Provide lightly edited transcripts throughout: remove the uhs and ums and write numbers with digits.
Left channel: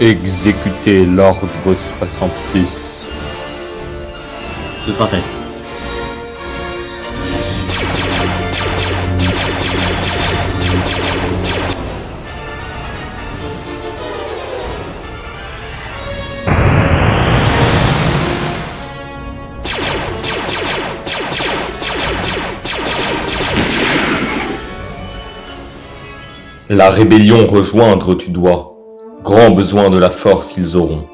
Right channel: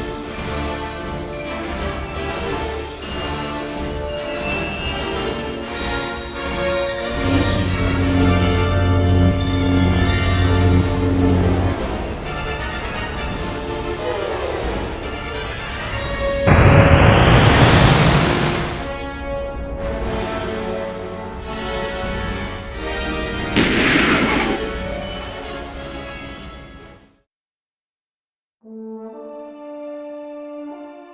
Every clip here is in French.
Exécutez l'ordre 66. Ce sera fait. La rébellion rejoindre tu dois. Grand besoin de la force ils auront.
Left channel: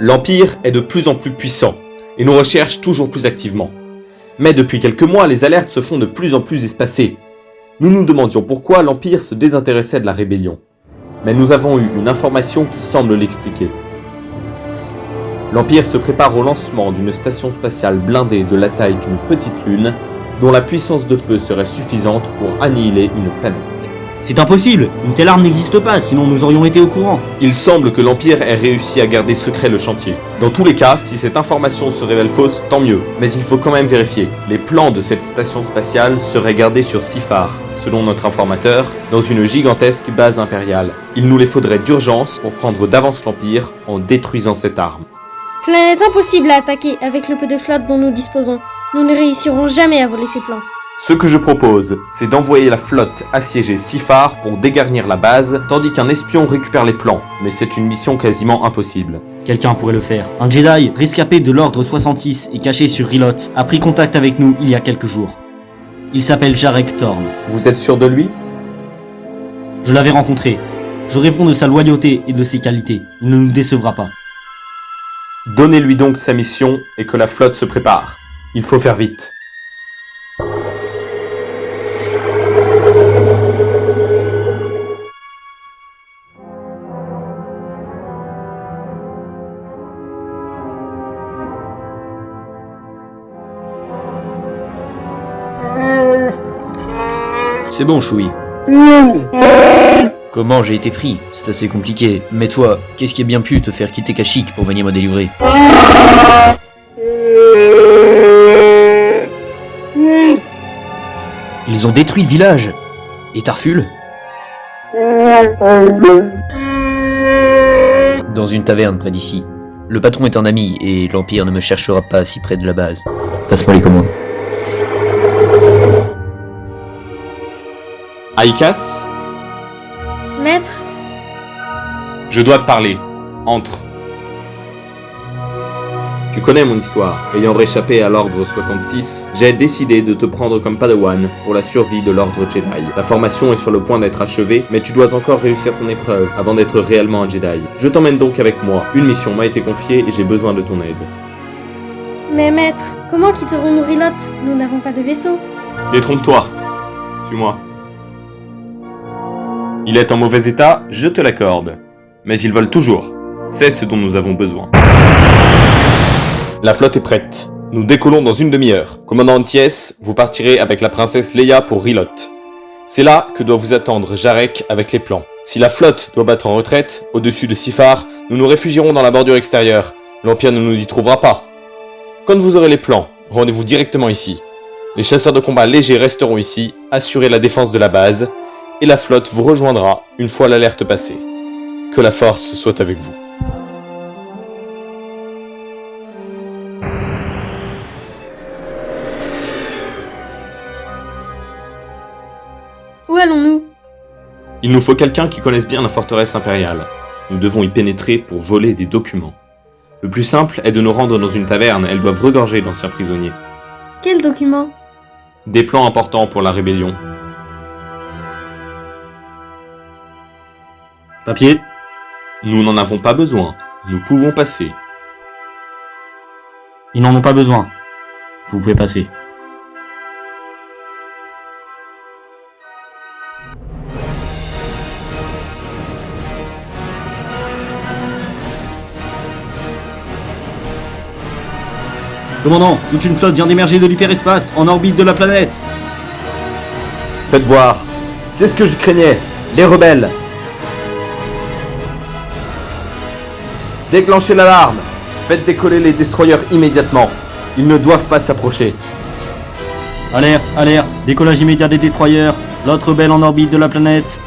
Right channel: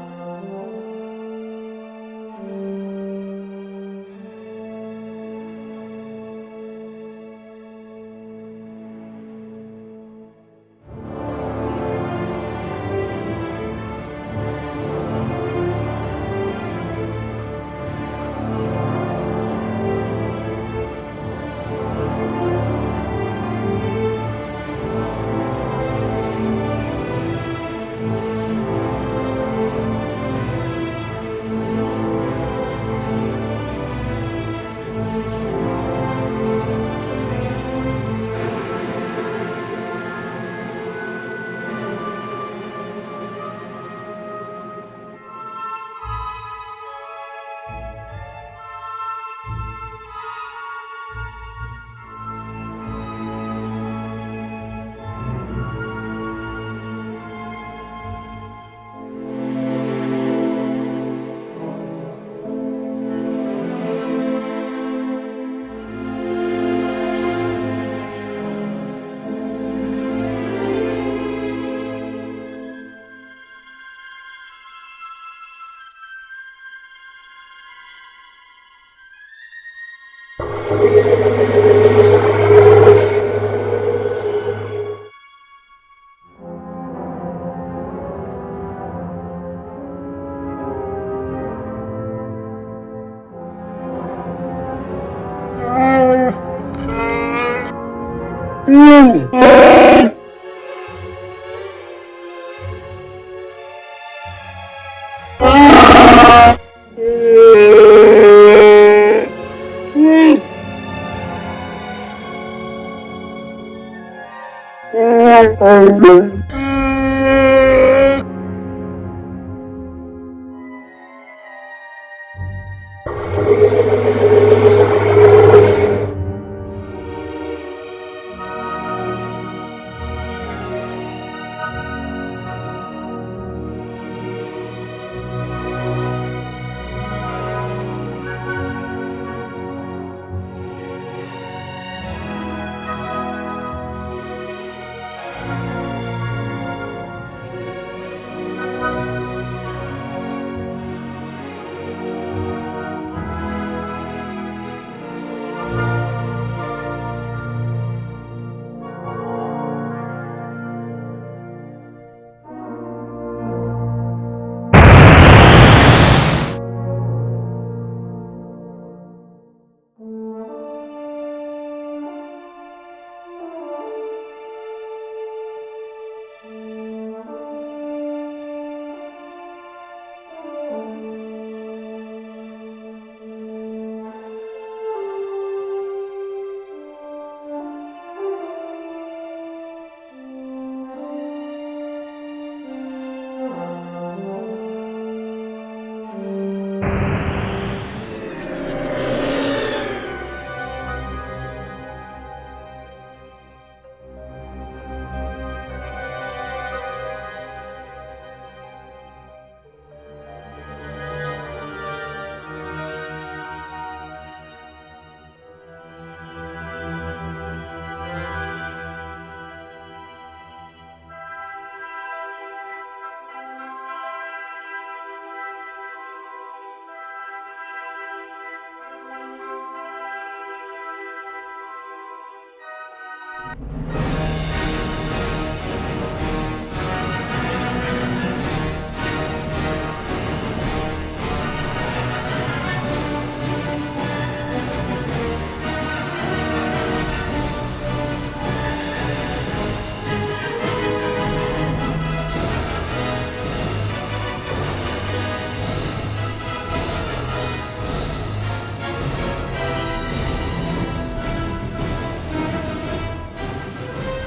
L'Empire est de plus en plus puissant, et nous recherche toujours plus activement. Mais depuis quelques mois, les alertes se font de plus en plus espacées. Nous nous demandions pourquoi l'Empire se désintéressait de la rébellion. Mais nous avons eu une information qui semble l'expliquer. L'Empire se prépare au lancement d'une station spatiale blindée de la taille d'une petite lune, dont la puissance de feu serait suffisante pour annihiler une planète. C'est impossible. Une telle arme n'existe pas, sinon nous aurions été au courant. Il semble que l'Empire ait réussi à garder secret le chantier. Dans tous les cas, si cette information se révèle fausse, tant mieux. Mais il faut quand même vérifier. Les plans de cette station spatiale seraient gardés sur Sifar, selon notre informateur, dans une gigantesque base impériale. Il nous les faudrait d'urgence pour prendre d'avance l'Empire en détruisant cette arme. Planète impossible à attaquer avec le peu de flotte dont nous disposons. Nous ne réussirons jamais à voler ces plans. Ce que je propose, c'est d'envoyer la flotte assiéger Sifar pour dégarnir la base, tandis qu'un espion récupère les plans, mais c'est une mission quasiment impossible. Quelqu'un pourrait le faire. Un Jedi, rescapé de l'Ordre 66 et caché sur Rilot, a pris contact avec nous il y a quelques jours. Il s'appelle Jarek Thorn. Vous êtes sûr de lui? Je l'avais rencontré. Je réponds de sa loyauté et de ses qualités. Il ne nous décevra pas. Donnez-lui donc sa mission et que la flotte se prépare. Il faut faire vite. C'est bon, Choui. Comment j'ai été pris? C'est assez compliqué. Mais toi, qu'est-ce qui a bien pu te faire quitter Kashyyyk pour venir me délivrer? Ils ont détruit le village. Et Tarful? Dans une taverne près d'ici. Le patron est un ami et l'Empire ne me cherchera pas si près de la base. Passe-moi les commandes. Aikas, Maître, je dois te parler. Entre. Tu connais mon histoire. Ayant réchappé à l'ordre 66, j'ai décidé de te prendre comme Padawan pour la survie de l'ordre Jedi. Ta formation est sur le point d'être achevée, mais tu dois encore réussir ton épreuve avant d'être réellement un Jedi. Je t'emmène donc avec moi. Une mission m'a été confiée et j'ai besoin de ton aide. mais maître, comment quitterons-nous Rilot? Nous n'avons pas de vaisseau. Détrompe-toi. Suis-moi. Il est en mauvais état, je te l'accorde. Mais il vole toujours. C'est ce dont nous avons besoin. La flotte est prête. Nous décollons dans une demi-heure. Commandant Anties, vous partirez avec la princesse Leia pour Rilot. C'est là que doit vous attendre Jarek avec les plans. Si la flotte doit battre en retraite, au-dessus de Sifar, nous nous réfugierons dans la bordure extérieure. L'Empire ne nous y trouvera pas. Quand vous aurez les plans, rendez-vous directement ici. Les chasseurs de combat légers resteront ici, assurer la défense de la base, et la flotte vous rejoindra une fois l'alerte passée. Que la force soit avec vous. Où allons-nous? Il nous faut quelqu'un qui connaisse bien la forteresse impériale. Nous devons y pénétrer pour voler des documents. Le plus simple est de nous rendre dans une taverne, elles doivent regorger d'anciens prisonniers. Quel document? Des plans importants pour la rébellion. Papier? Nous n'en avons pas besoin. Nous pouvons passer. Ils n'en ont pas besoin. Vous pouvez passer. Commandant, toute une flotte vient d'émerger de l'hyperespace, en orbite de la planète. Faites voir. C'est ce que je craignais. Les rebelles. Déclenchez l'alarme. Faites décoller les destroyers immédiatement. Ils ne doivent pas s'approcher. Alerte, alerte, décollage immédiat des destroyers, flotte rebelle en orbite de la planète.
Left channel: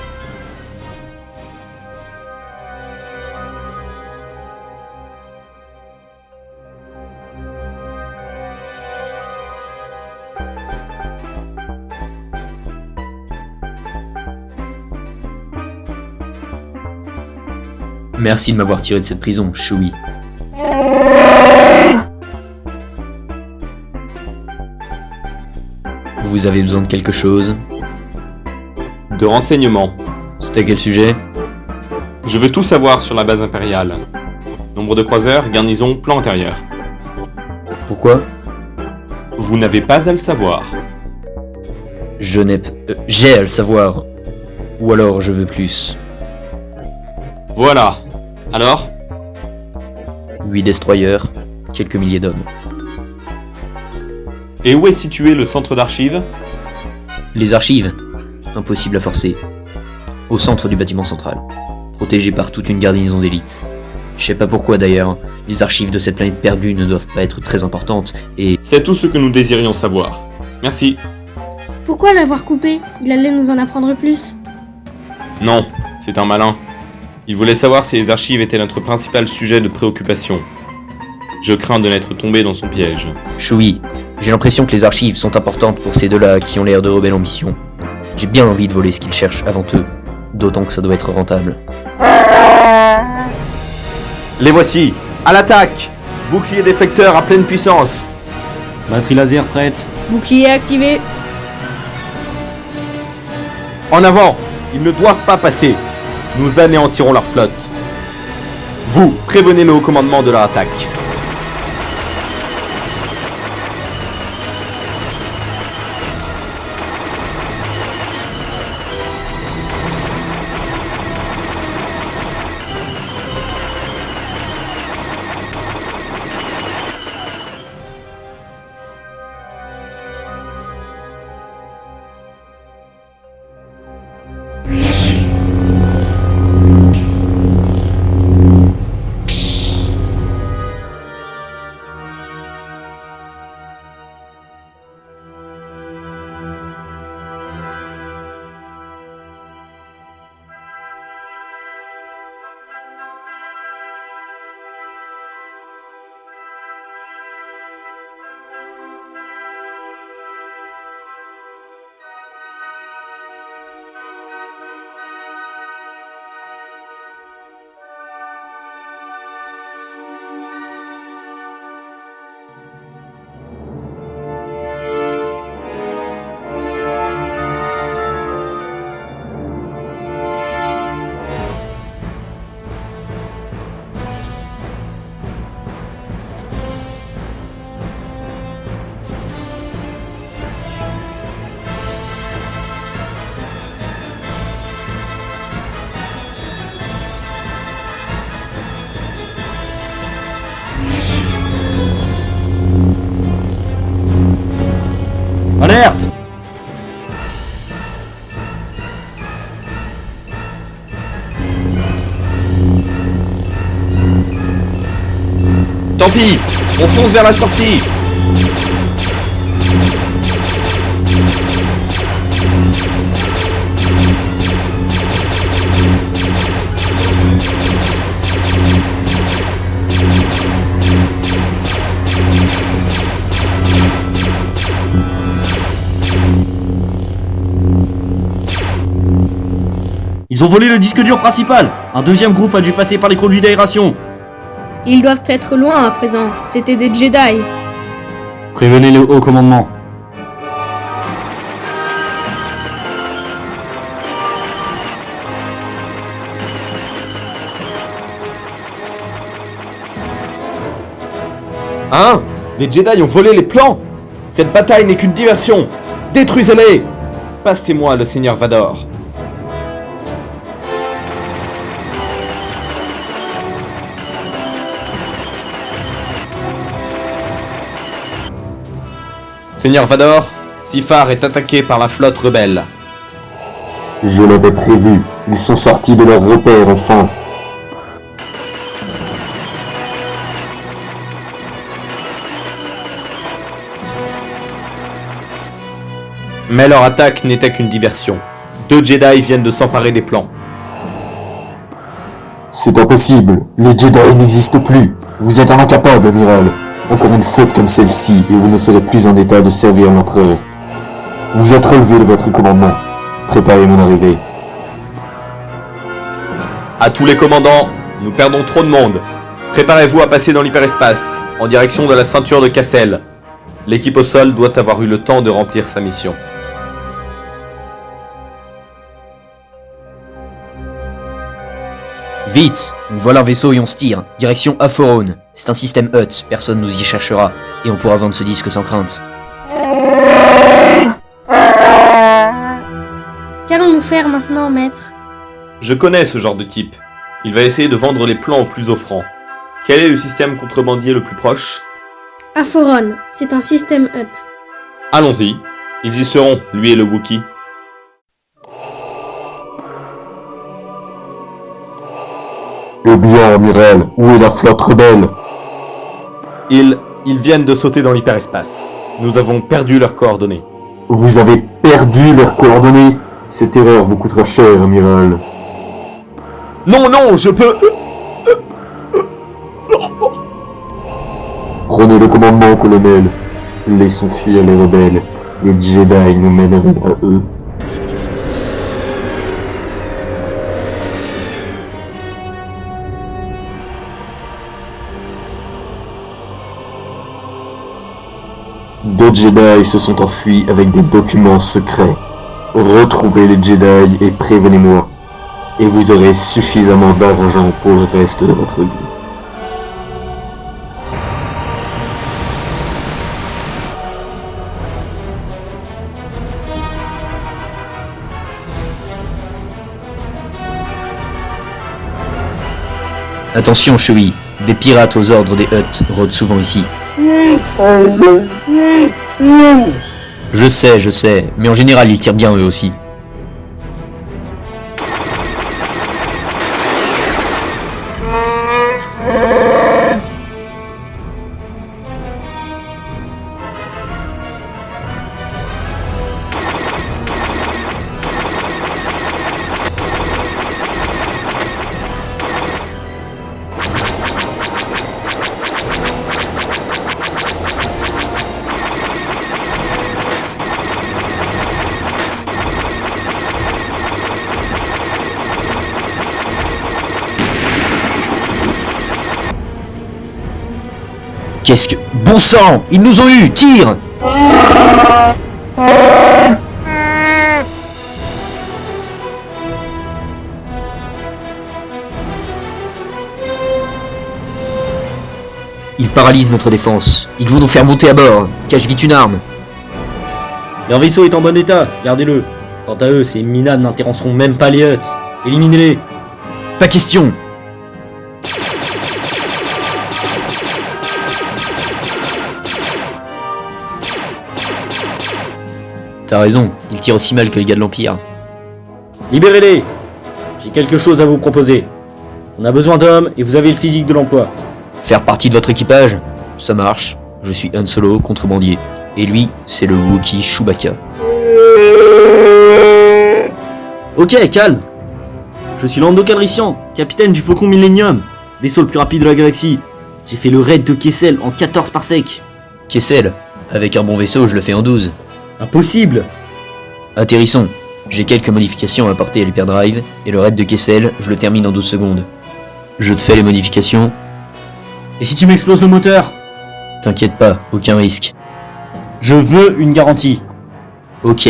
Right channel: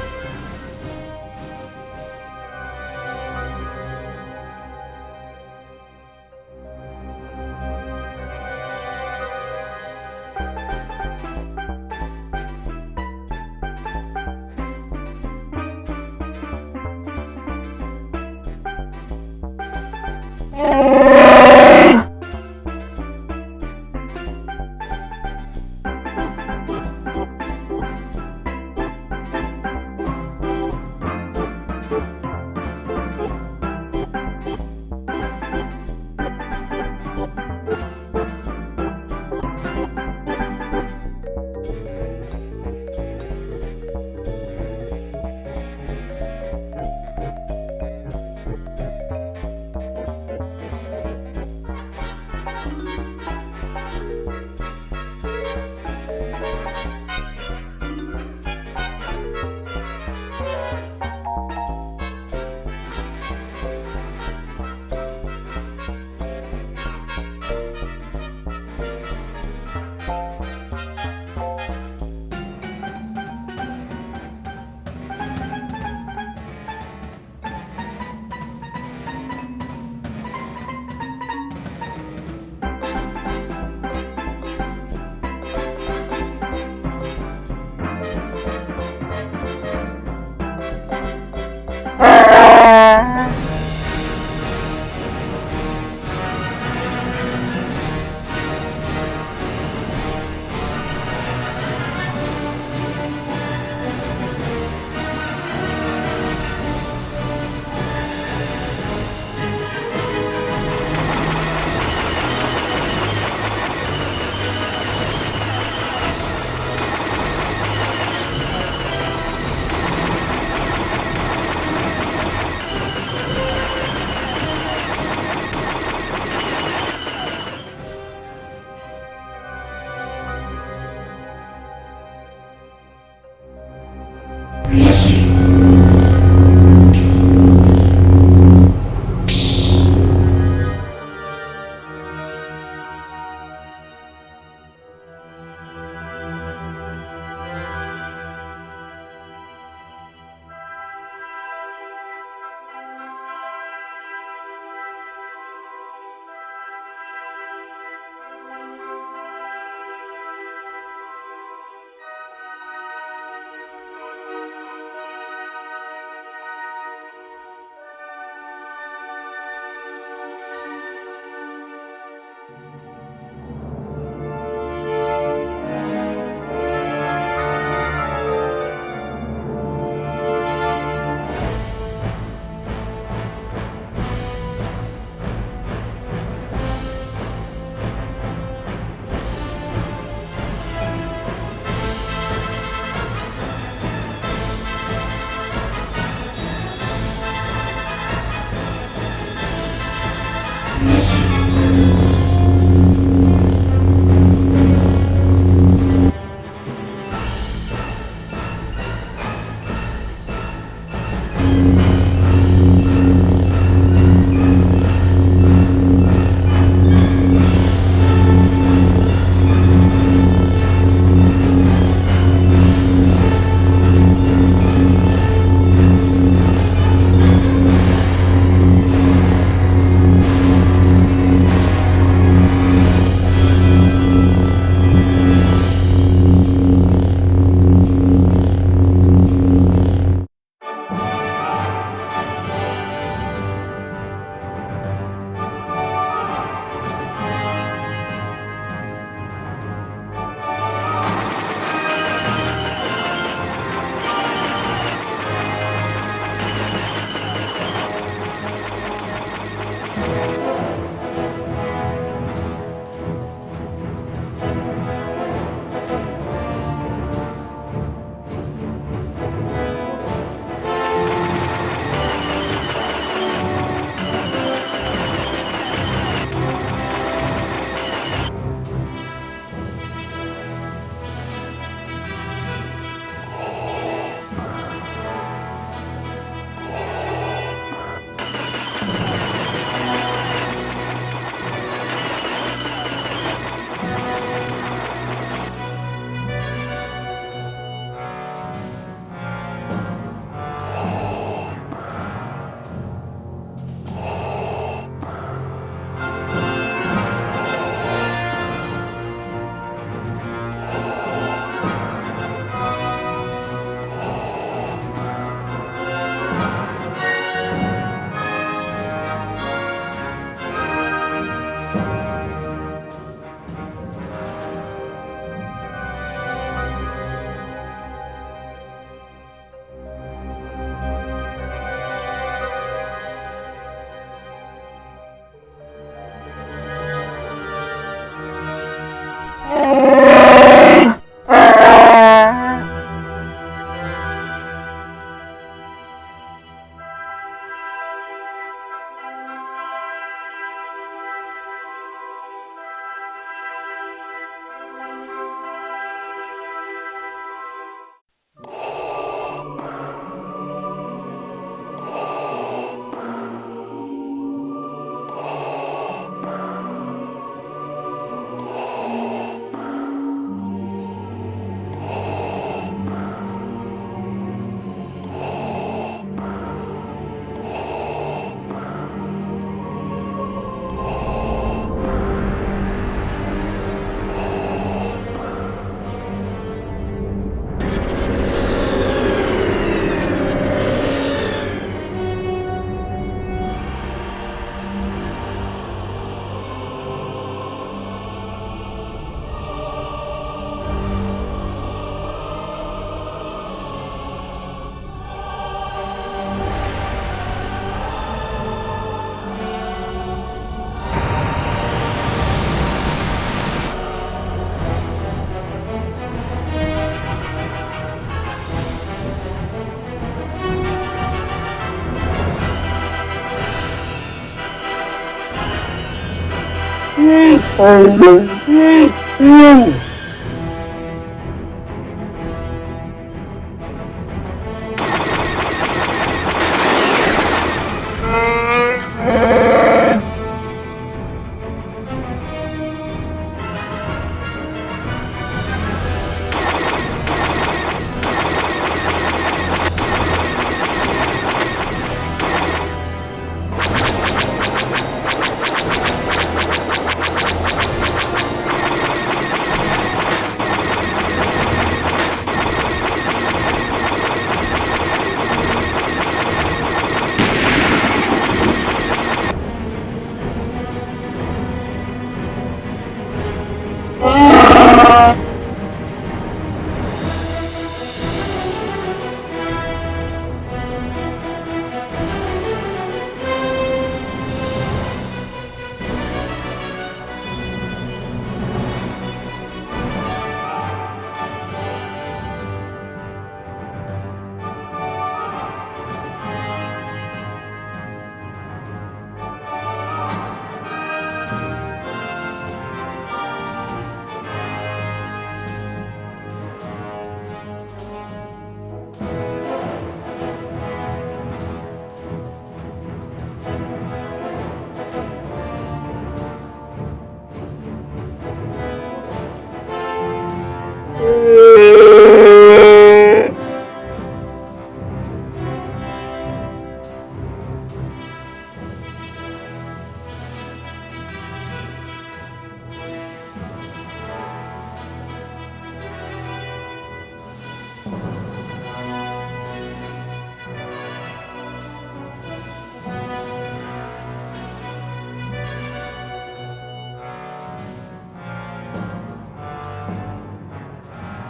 Merci de m'avoir tiré de cette prison, Chewie. Vous avez besoin de quelque chose? De renseignements. C'est à quel sujet? Je veux tout savoir sur la base impériale. Nombre de croiseurs, garnison, plan antérieur. Pourquoi? Vous n'avez pas à le savoir. J'ai à le savoir. Ou alors je veux plus. Voilà. Alors? 8 destroyers, quelques milliers d'hommes. Et où est situé le centre d'archives? Les archives? Impossible à forcer. Au centre du bâtiment central. Protégé par toute une garnison d'élite. Je sais pas pourquoi d'ailleurs, les archives de cette planète perdue ne doivent pas être très importantes, et... C'est tout ce que nous désirions savoir. Merci. Pourquoi l'avoir coupé? Il allait nous en apprendre plus. Non, c'est un malin. Il voulait savoir si les archives étaient notre principal sujet de préoccupation. Je crains de n'être tombé dans son piège. Chewie, j'ai l'impression que les archives sont importantes pour ces deux-là qui ont l'air de rebelles ambitions. J'ai bien envie de voler ce qu'ils cherchent avant eux, d'autant que ça doit être rentable. Les voici. À l'attaque. Bouclier déflecteur à pleine puissance. Batterie laser prête. Bouclier activé. En avant. Ils ne doivent pas passer. Nous anéantirons leur flotte. Vous, prévenez le haut commandement de leur attaque. Alerte! Tant pis. On fonce vers la sortie. Ils ont volé le disque dur principal. Un deuxième groupe a dû passer par les conduits d'aération. Ils doivent être loin à présent. C'était des Jedi. Prévenez le haut commandement. Hein? Les Jedi ont volé les plans? Cette bataille n'est qu'une diversion. Détruisez-les! Passez-moi le Seigneur Vador. Seigneur Vador, Sifar est attaqué par la flotte rebelle. Je l'avais prévu. Ils sont sortis de leur repère, enfin. Mais leur attaque n'était qu'une diversion. 2 Jedi viennent de s'emparer des plans. C'est impossible. Les Jedi n'existent plus. Vous êtes un incapable, amiral. Encore une faute comme celle-ci, et vous ne serez plus en état de servir l'empereur. Vous êtes relevé de votre commandement. Préparez mon arrivée. À tous les commandants, nous perdons trop de monde. Préparez-vous à passer dans l'hyperespace, en direction de la ceinture de Cassel. L'équipe au sol doit avoir eu le temps de remplir sa mission. Vite, nous voilà un vaisseau et on se tire. Direction Aphorone. C'est un système Hutt, personne nous y cherchera. Et on pourra vendre ce disque sans crainte. Qu'allons-nous faire maintenant, maître? Je connais ce genre de type. Il va essayer de vendre les plans au plus offrant. Quel est le système contrebandier le plus proche? Aphoron, c'est un système Hutt. Allons-y. Ils y seront, lui et le Wookie. Eh bien, amiral, où est la flotte rebelle? Ils viennent de sauter dans l'hyperespace. Nous avons perdu leurs coordonnées. Vous avez perdu leurs coordonnées? Cette erreur vous coûtera cher, amiral. Non, non, je peux... Prenez le commandement, colonel. Laissons fuir les rebelles. Les Jedi nous mèneront à eux. Deux Jedi se sont enfuis avec des documents secrets. Retrouvez les Jedi et prévenez-moi. Et vous aurez suffisamment d'argent pour le reste de votre vie. Attention, Chewie. Des pirates aux ordres des Hutt rôdent souvent ici. Je sais, mais en général ils tirent bien eux aussi. Qu'est-ce que... Bon sang! Ils nous ont eu! Tire! Ils paralysent notre défense. Ils vont nous faire monter à bord. Cache vite une arme. Leur vaisseau est en bon état, gardez-le. Quant à eux, ces minables n'intéresseront même pas les Hutt. Éliminez-les. Pas question! T'as raison, ils tirent aussi mal que les gars de l'Empire. Libérez-les. J'ai quelque chose à vous proposer. On a besoin d'hommes et vous avez le physique de l'emploi. Faire partie de votre équipage? Ça marche. Je suis Han Solo, contrebandier. Et lui, c'est le Wookiee Chewbacca. Ok, calme. Je suis Lando Calrissian, capitaine du Faucon Millennium, vaisseau le plus rapide de la galaxie. J'ai fait le raid de Kessel en 14 parsecs. Kessel? Avec un bon vaisseau, je le fais en 12. Impossible. Atterrissons. J'ai quelques modifications à apporter à l'hyperdrive, et le raid de Kessel, je le termine en 12 secondes. Je te fais les modifications. Et si tu m'exploses le moteur? T'inquiète pas, aucun risque. Je veux une garantie. Ok,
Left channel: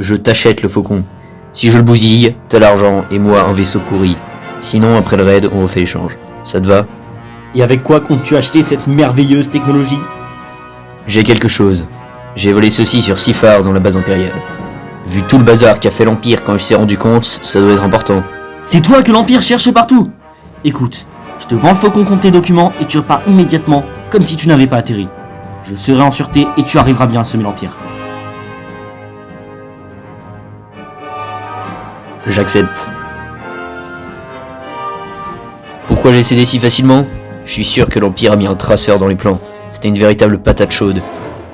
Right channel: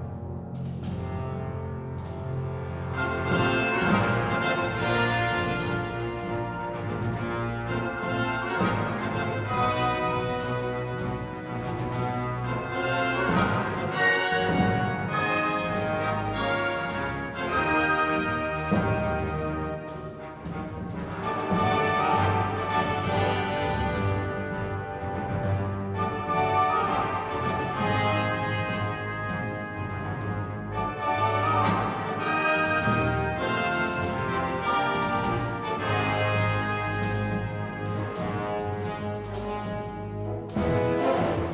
je t'achète le Faucon. Si je le bousille, t'as l'argent et moi un vaisseau pourri. Sinon, après le raid, on refait l'échange. Ça te va? Et avec quoi comptes-tu acheter cette merveilleuse technologie? J'ai quelque chose. J'ai volé ceci sur Sifar dans la base impériale. Vu tout le bazar qu'a fait l'Empire quand il s'est rendu compte, ça doit être important. C'est toi que l'Empire cherche partout. Écoute, je te vends le Faucon contre tes documents et tu repars immédiatement, comme si tu n'avais pas atterri. Je serai en sûreté et tu arriveras bien à semer l'Empire. J'accepte. Pourquoi j'ai cédé si facilement? Je suis sûr que l'Empire a mis un traceur dans les plans. C'était une véritable patate chaude.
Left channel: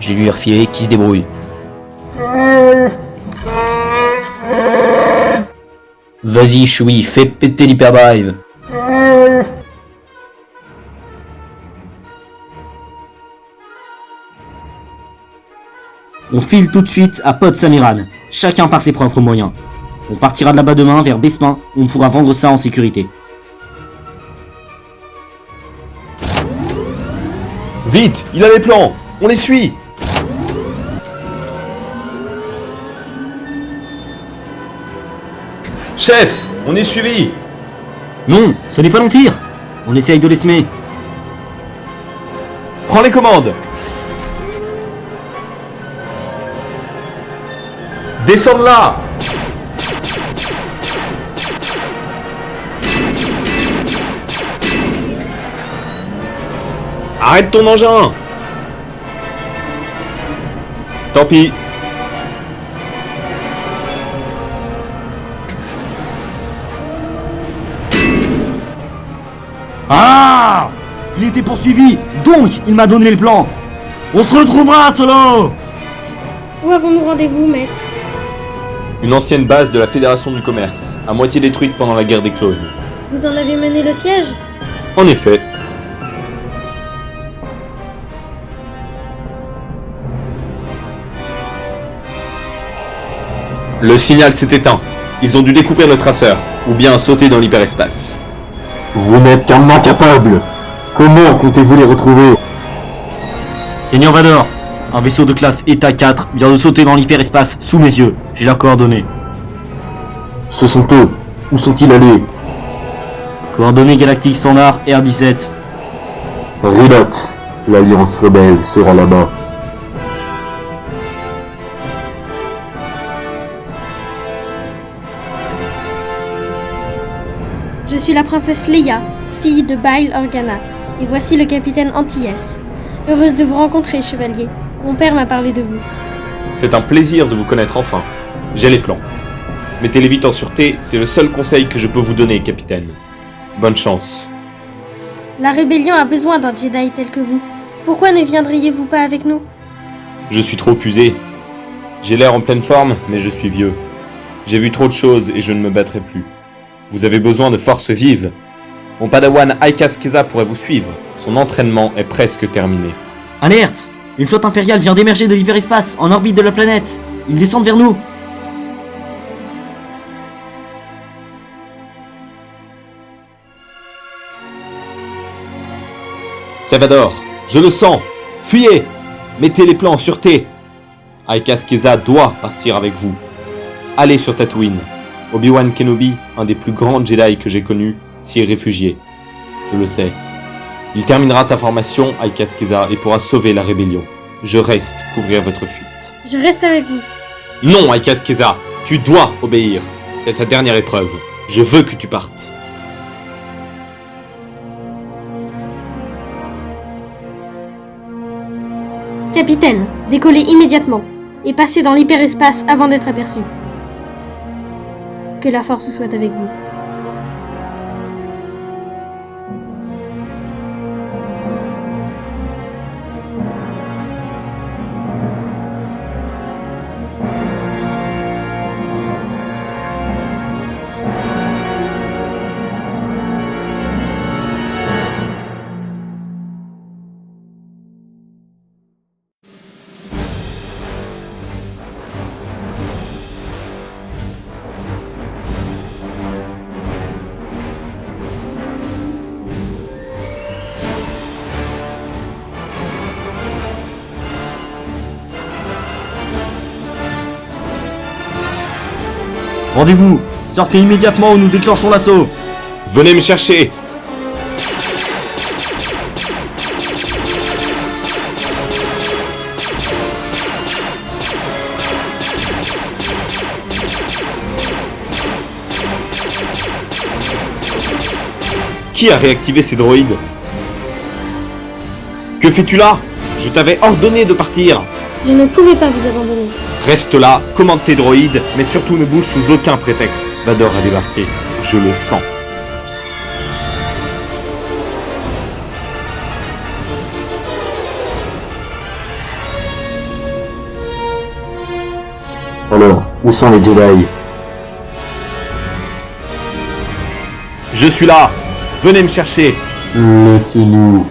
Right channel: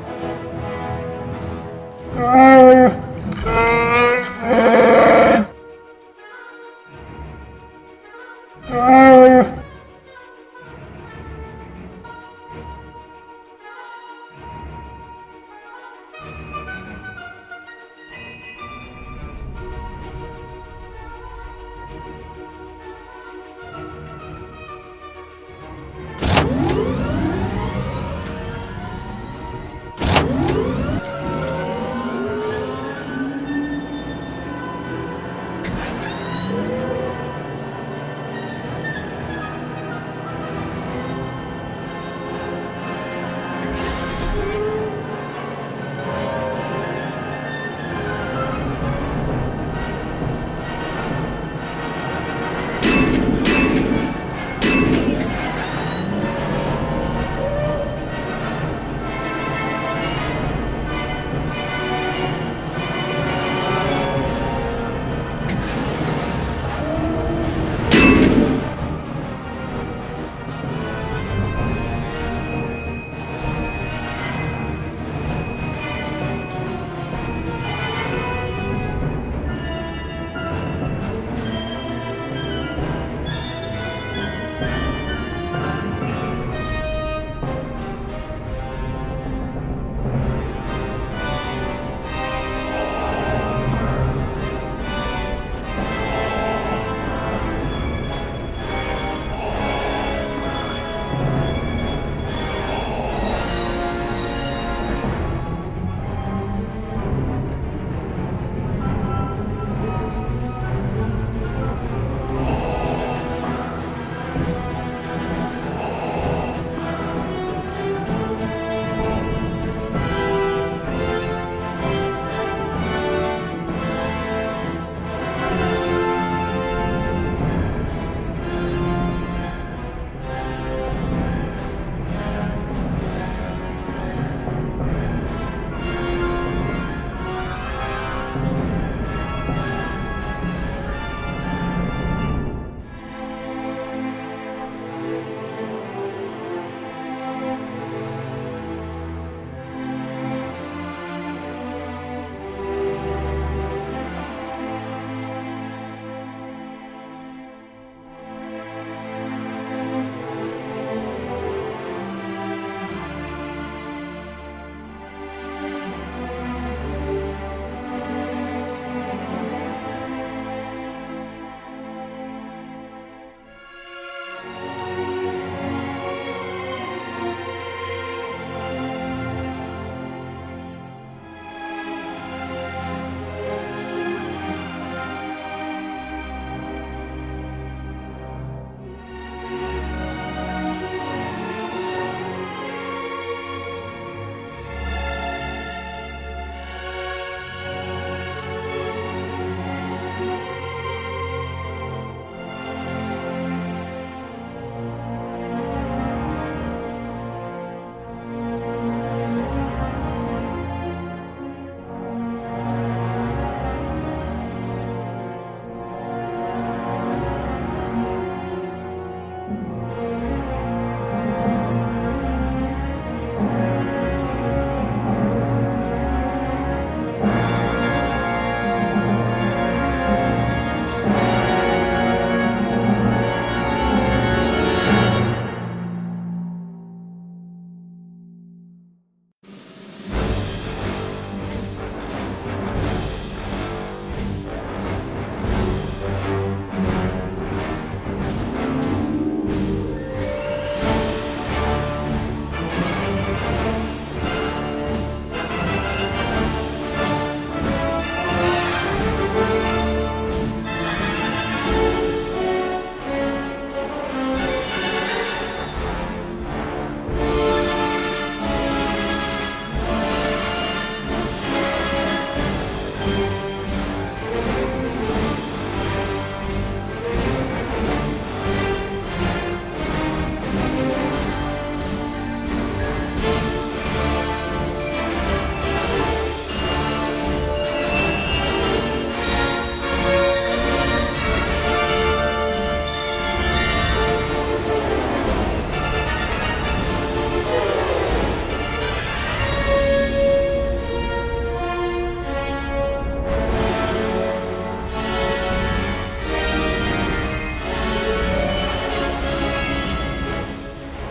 Je l'ai lui refilé, qui se débrouille. Vas-y, Chewie, fais péter l'hyperdrive. On file tout de suite à Pod Samiran, chacun par ses propres moyens. On partira de là-bas demain vers Bespin, où on pourra vendre ça en sécurité. Vite, il a les plans. On les suit. Chef, on est suivi. Non, ce n'est pas l'Empire. On essaye de les semer. Prends les commandes. Descends de là. Arrête ton engin. Tant pis. Ah! Il était poursuivi, donc il m'a donné le plan. On se retrouvera, Solo! Où avons-nous rendez-vous, maître? Une ancienne base de la Fédération du Commerce, à moitié détruite pendant la guerre des clones. Vous en avez mené le siège? En effet. Le signal s'est éteint. Ils ont dû découvrir le traceur, ou bien sauter dans l'hyperespace. Vous n'êtes qu'un incapable. Comment comptez-vous les retrouver? Seigneur Vador, un vaisseau de classe Eta 4 vient de sauter dans l'hyperespace sous mes yeux. J'ai leurs coordonnées. Ce sont eux. Où sont-ils allés? Coordonnées galactiques standard R17. Rilot. L'Alliance rebelle sera là-bas. Je suis la princesse Leia, fille de Bail Organa, et voici le capitaine Antilles. Heureuse de vous rencontrer, chevalier. Mon père m'a parlé de vous. C'est un plaisir de vous connaître enfin. J'ai les plans. Mettez-les vite en sûreté, c'est le seul conseil que je peux vous donner, capitaine. Bonne chance. La rébellion a besoin d'un Jedi tel que vous. Pourquoi ne viendriez-vous pas avec nous? Je suis trop usé. J'ai l'air en pleine forme, mais je suis vieux. J'ai vu trop de choses et je ne me battrai plus. Vous avez besoin de forces vives. Mon padawan Aikas Keza pourrait vous suivre. Son entraînement est presque terminé. Alerte! Une flotte impériale vient d'émerger de l'hyperespace, en orbite de la planète. Ils descendent vers nous. Salvador, je le sens. Fuyez. Mettez les plans en sûreté. Aikas Keza doit partir avec vous. Allez sur Tatooine. Obi-Wan Kenobi, un des plus grands Jedi que j'ai connus, s'y est réfugié. Je le sais. Il terminera ta formation, Aikas Keza, et pourra sauver la rébellion. Je reste couvrir votre fuite. Je reste avec vous. Non, Aikas Keza, tu dois obéir. C'est ta dernière épreuve. Je veux que tu partes. Capitaine, décollez immédiatement et passez dans l'hyperespace avant d'être aperçu. Que la force soit avec vous. Rendez-vous. Sortez immédiatement ou nous déclenchons l'assaut. Venez me chercher. Qui a réactivé ces droïdes? Que fais-tu là? Je t'avais ordonné de partir. Je ne pouvais pas vous abandonner. Reste là, commande tes droïdes, mais surtout ne bouge sous aucun prétexte. Vador a débarqué, je le sens. Alors, où sont les Jedi? Je suis là, venez me chercher. Laissez-nous.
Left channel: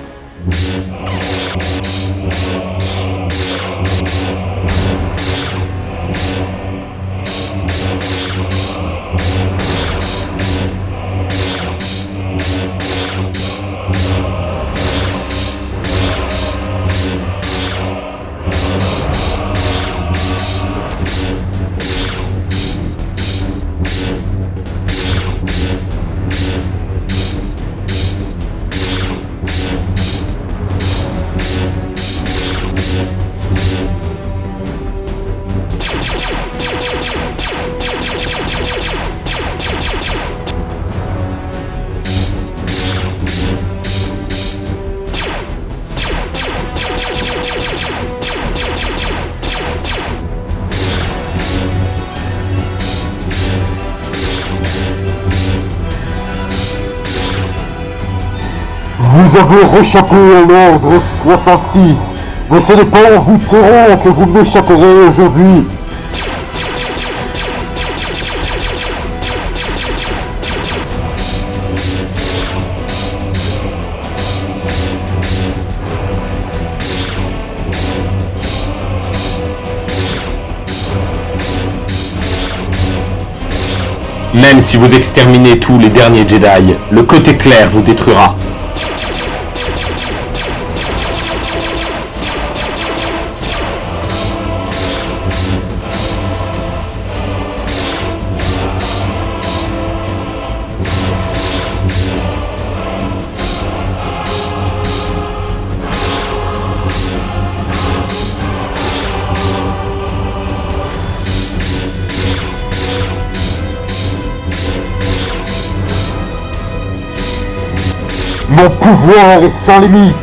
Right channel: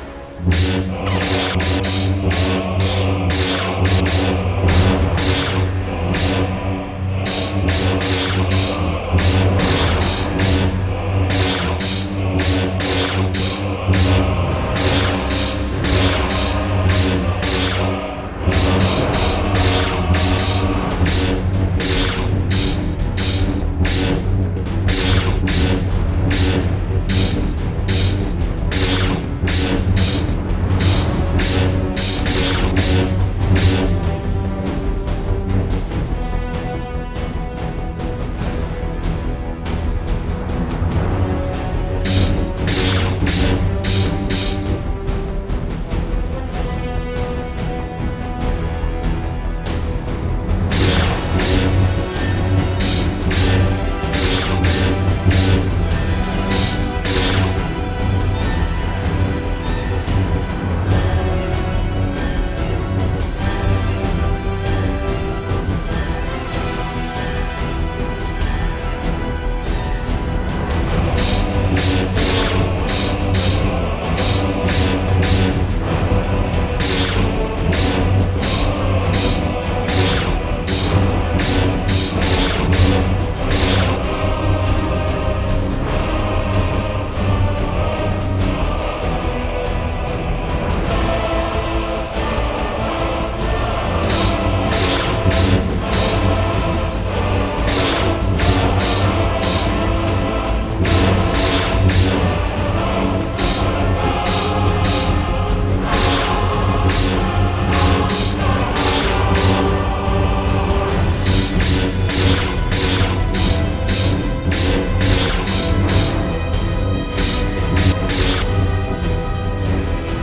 Vous avez réchappé à l'ordre 66, mais ce n'est pas en vous tairant que vous m'échapperez aujourd'hui. Même si vous exterminez tous les derniers Jedi, le côté clair vous détruira. Mon pouvoir est sans limite.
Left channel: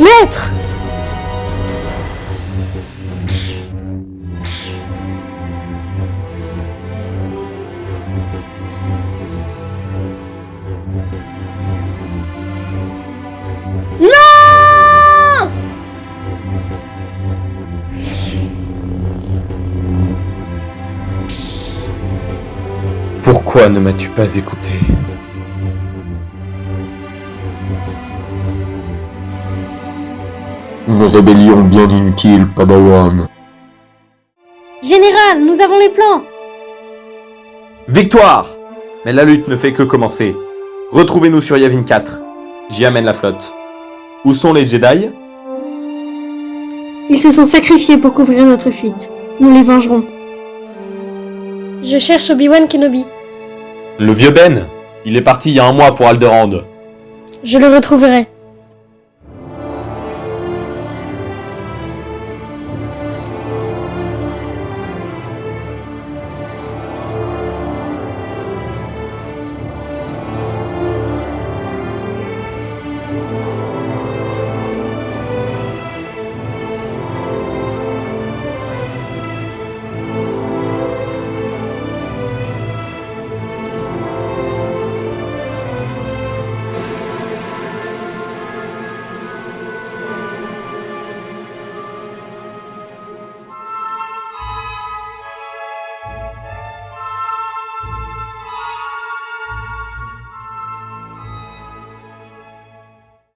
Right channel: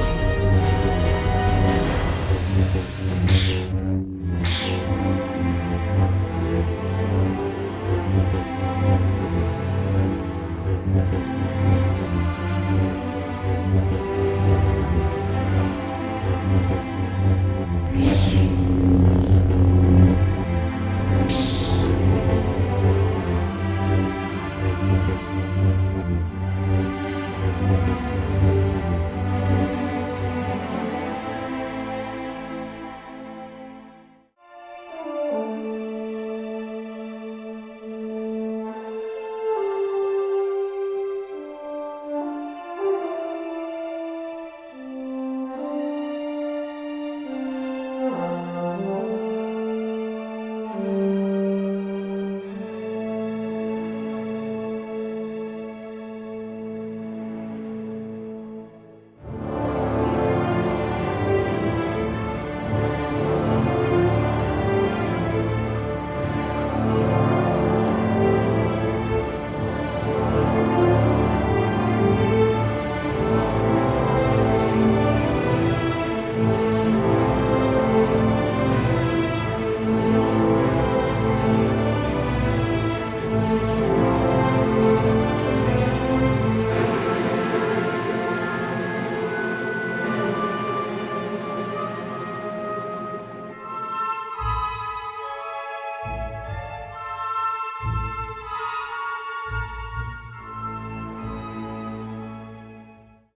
Maître! Non! Pourquoi ne m'as-tu pas écouté? Une rébellion bien inutile, Padawan. Général, nous avons les plans! Victoire! Mais la lutte ne fait que commencer. Retrouvez-nous sur Yavin 4. J'y amène la flotte. Où sont les Jedi? Ils se sont sacrifiés pour couvrir notre fuite. Nous les vengerons. Je cherche Obi-Wan Kenobi. Le vieux Ben? Il est parti il y a un mois pour Alderaan. Je le retrouverai.